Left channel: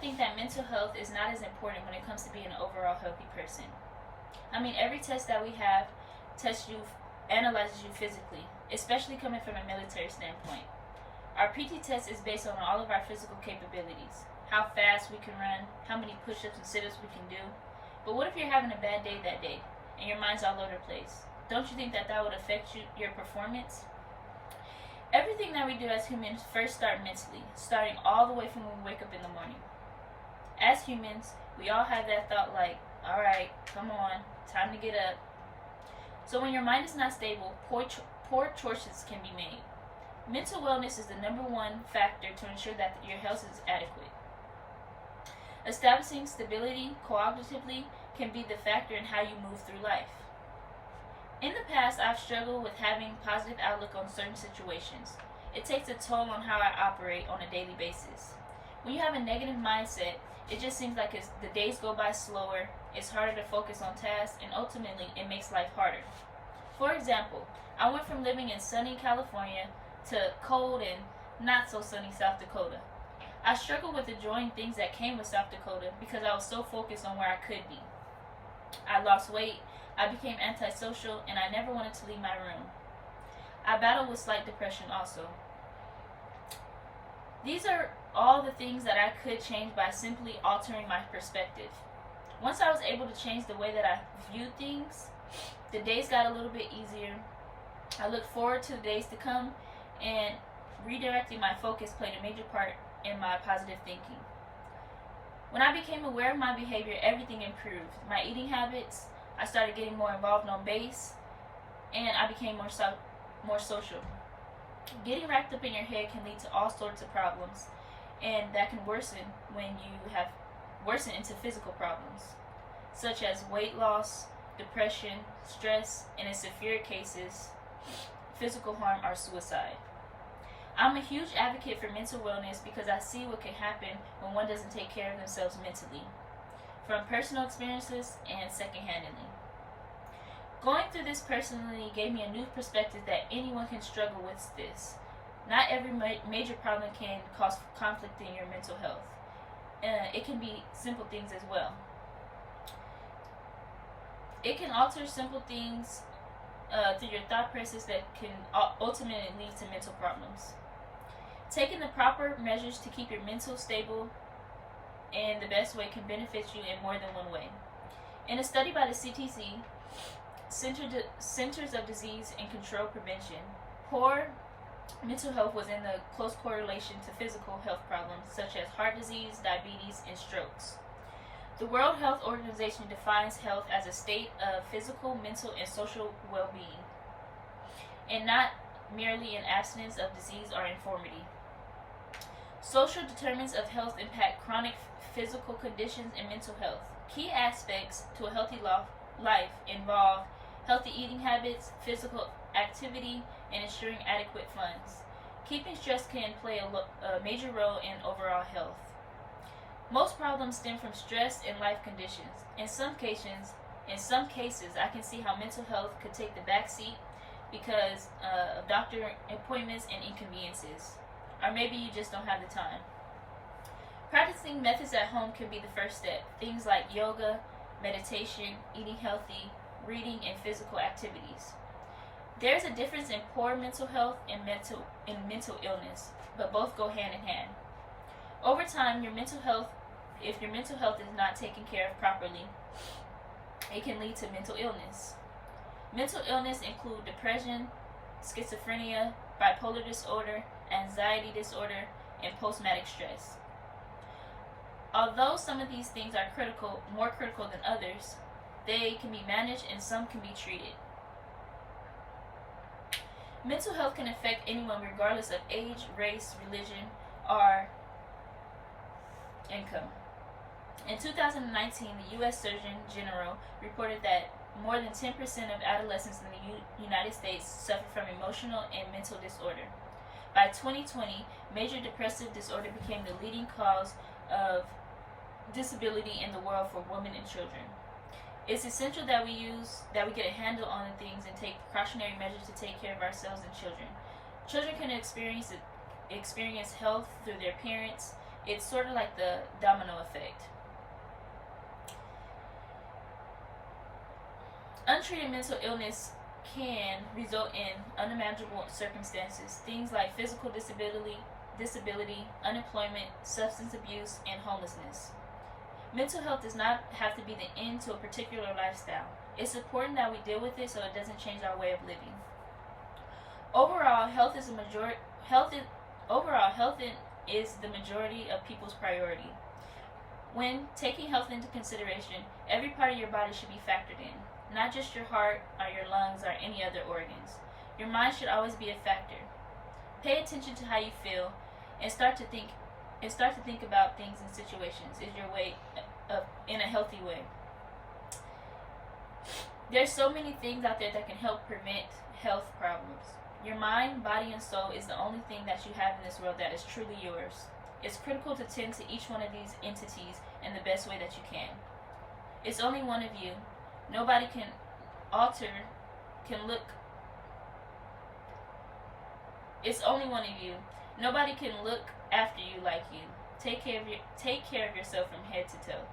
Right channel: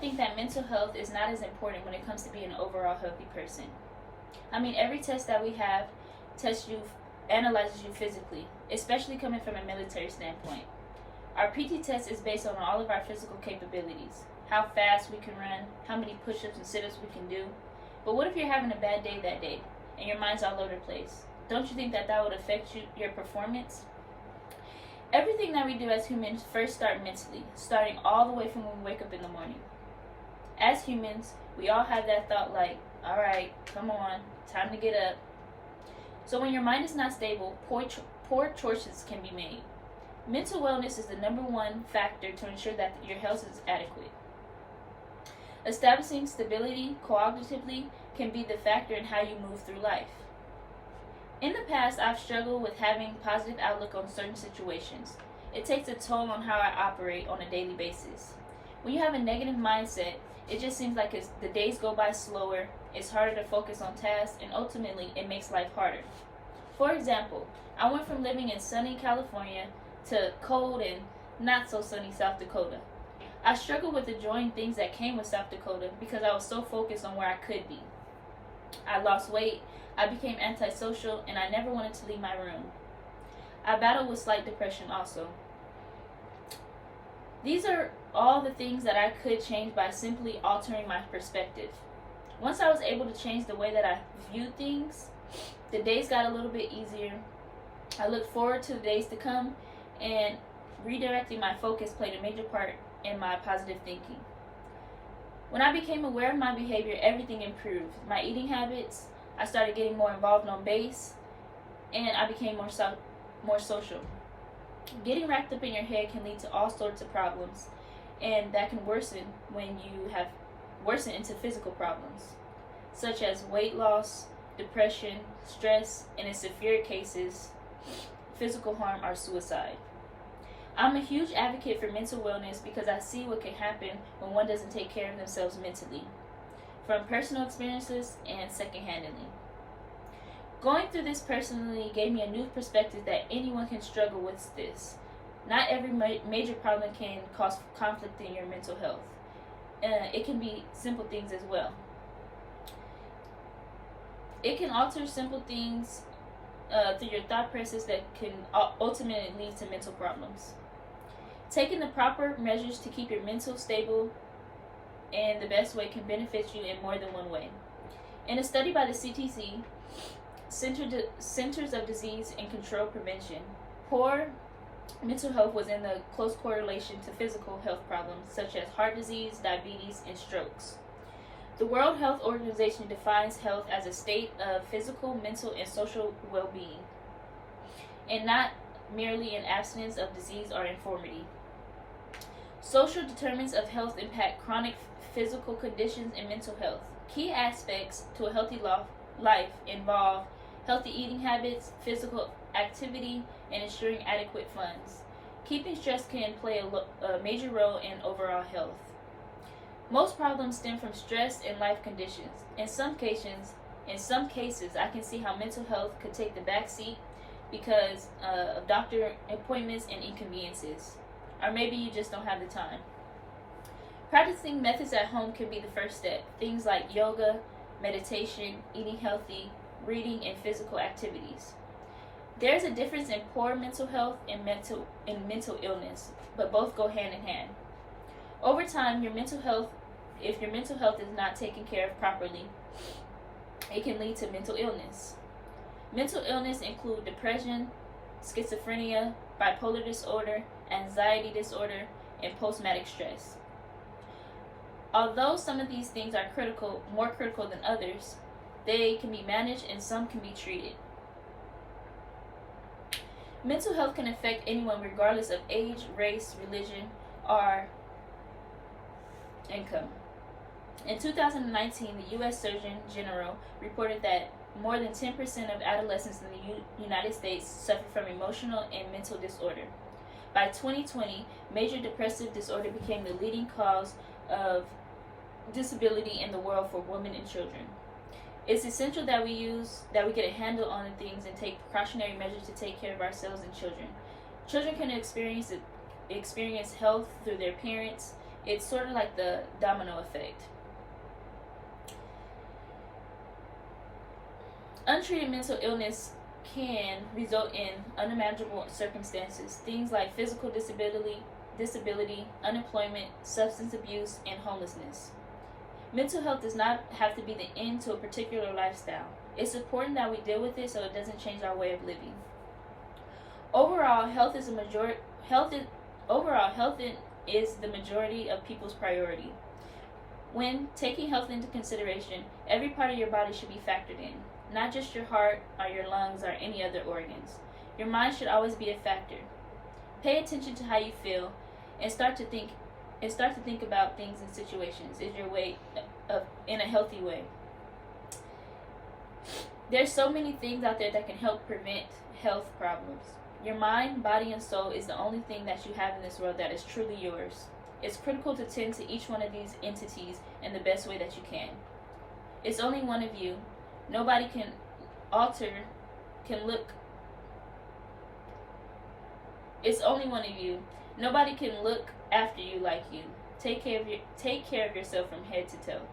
think that mental health is not as important when it comes to being an overall healthy person. I mean, every test that we have tests you, analyzes you physically, especially coming from a military standpoint. Our PT test is based on all of our physical capabilities, how fast we can run, how many push-ups and sit-ups we can do. But what if you're having a bad day that day and your mind's all over the place? Don't you think that would affect your performance? Everything that we do as humans first start mentally, starting all the way from when we wake up in the morning. As humans, we all have that thought like, all right, come on, time to get up. So when your mind is not stable, poor choices can be made. Mental wellness is the number one factor to ensure that your health is adequate. Establishing stability cognitively can be the factor in how you move through life. In the past, I've struggled with having a positive outlook on certain situations. It takes a toll on how I operate on a daily basis. When you have a negative mindset, it just seems like the days go by slower, it's harder to focus on tasks, and ultimately it makes life harder. For example, I went from living in sunny California to cold and not so sunny South Dakota. I struggled with enjoying things that came with South Dakota because I was so focused on where I could be. I lost weight, I became antisocial, and I never wanted to leave my room. I battled with slight depression also. These are all the things that I could change by simply altering my perspective. Once I was able to change the way that I viewed things, the days got a little bit easier. I look forward to the days to come, and redirecting my focus played a major part in my positive thinking. When I became aware of my behavior, everything improved. My eating habits, I started getting more involved on base, and I became more social. Getting wrapped up in your head can lead to all sorts of problems, and that can worsen when you have worsened into physical problems, such as weight loss, depression, stress, and in severe cases, physical harm or suicide. I'm a huge advocate for mental wellness because I see what can happen when one doesn't take care of themselves mentally, from personal experiences and secondhandedly. Going through this personally gave me a new perspective that anyone can struggle with this. Not every major problem can cause conflict in your mental health. It can be simple things as well. It can alter simple things through your thought process that can ultimately lead to mental problems. Taking the proper measures to keep your mental stable in the best way can benefit you in more than one way. In a study by the CTC, Centers of Disease and Control Prevention, poor mental health was in the close correlation to physical health problems such as heart disease, diabetes, and strokes. The World Health Organization defines health as a state of physical, mental, and social well-being, and not merely an abstinence of disease or infirmity. Social determinants of health impact chronic physical conditions and mental health. Key aspects to a healthy life involve healthy eating habits, physical activity, and ensuring adequate funds. Keeping stress can play a major role in overall health. Most problems stem from stress and life conditions. In some cases, I can see how mental health could take the back seat because of doctor appointments and inconveniences. Or maybe you just don't have the time. Practicing methods at home can be the first step. Things like yoga, meditation, eating healthy, reading, and physical activities. There's a difference in poor mental health and mental illness, but both go hand in hand. Over time, if your mental health is not taken care of properly, it can lead to mental illness. Mental illness include depression, schizophrenia, bipolar disorder, anxiety disorder, and post-traumatic stress. Although some of these things are more critical than others, they can be managed and some can be treated. Mental health can affect anyone regardless of age, race, religion, or income. In 2019, the U.S. Surgeon General reported that more than 10% of adolescents in the United States suffer from emotional and mental disorder. By 2020, major depressive disorder became the leading cause of disability in the world for women and children. It's essential that we get a handle on the things and take precautionary measures to take care of ourselves and children. Children can experience health through their parents, It's sort of like the domino effect. Untreated mental illness can result in unimaginable circumstances, things like physical disability, unemployment, substance abuse, and homelessness. Mental health does not have to be the end to a particular lifestyle. It's important that we deal with it so it doesn't change our way of living. Overall, health is the majority of people's priority. When taking health into consideration, every part of your body should be factored in, not just your heart or your lungs or any other organs. Your mind should always be a factor. Pay attention to how you feel and start to think about things and situations in a healthy way. There's so many things out there that can help prevent health problems. Your mind, body, and soul is the only thing that you have in this world that is truly yours. It's critical to tend to each one of these entities in the best way that you can. It's only one of you. Nobody can look. It's only one of you. Nobody can look after you like you. Take care of yourself from head to toe.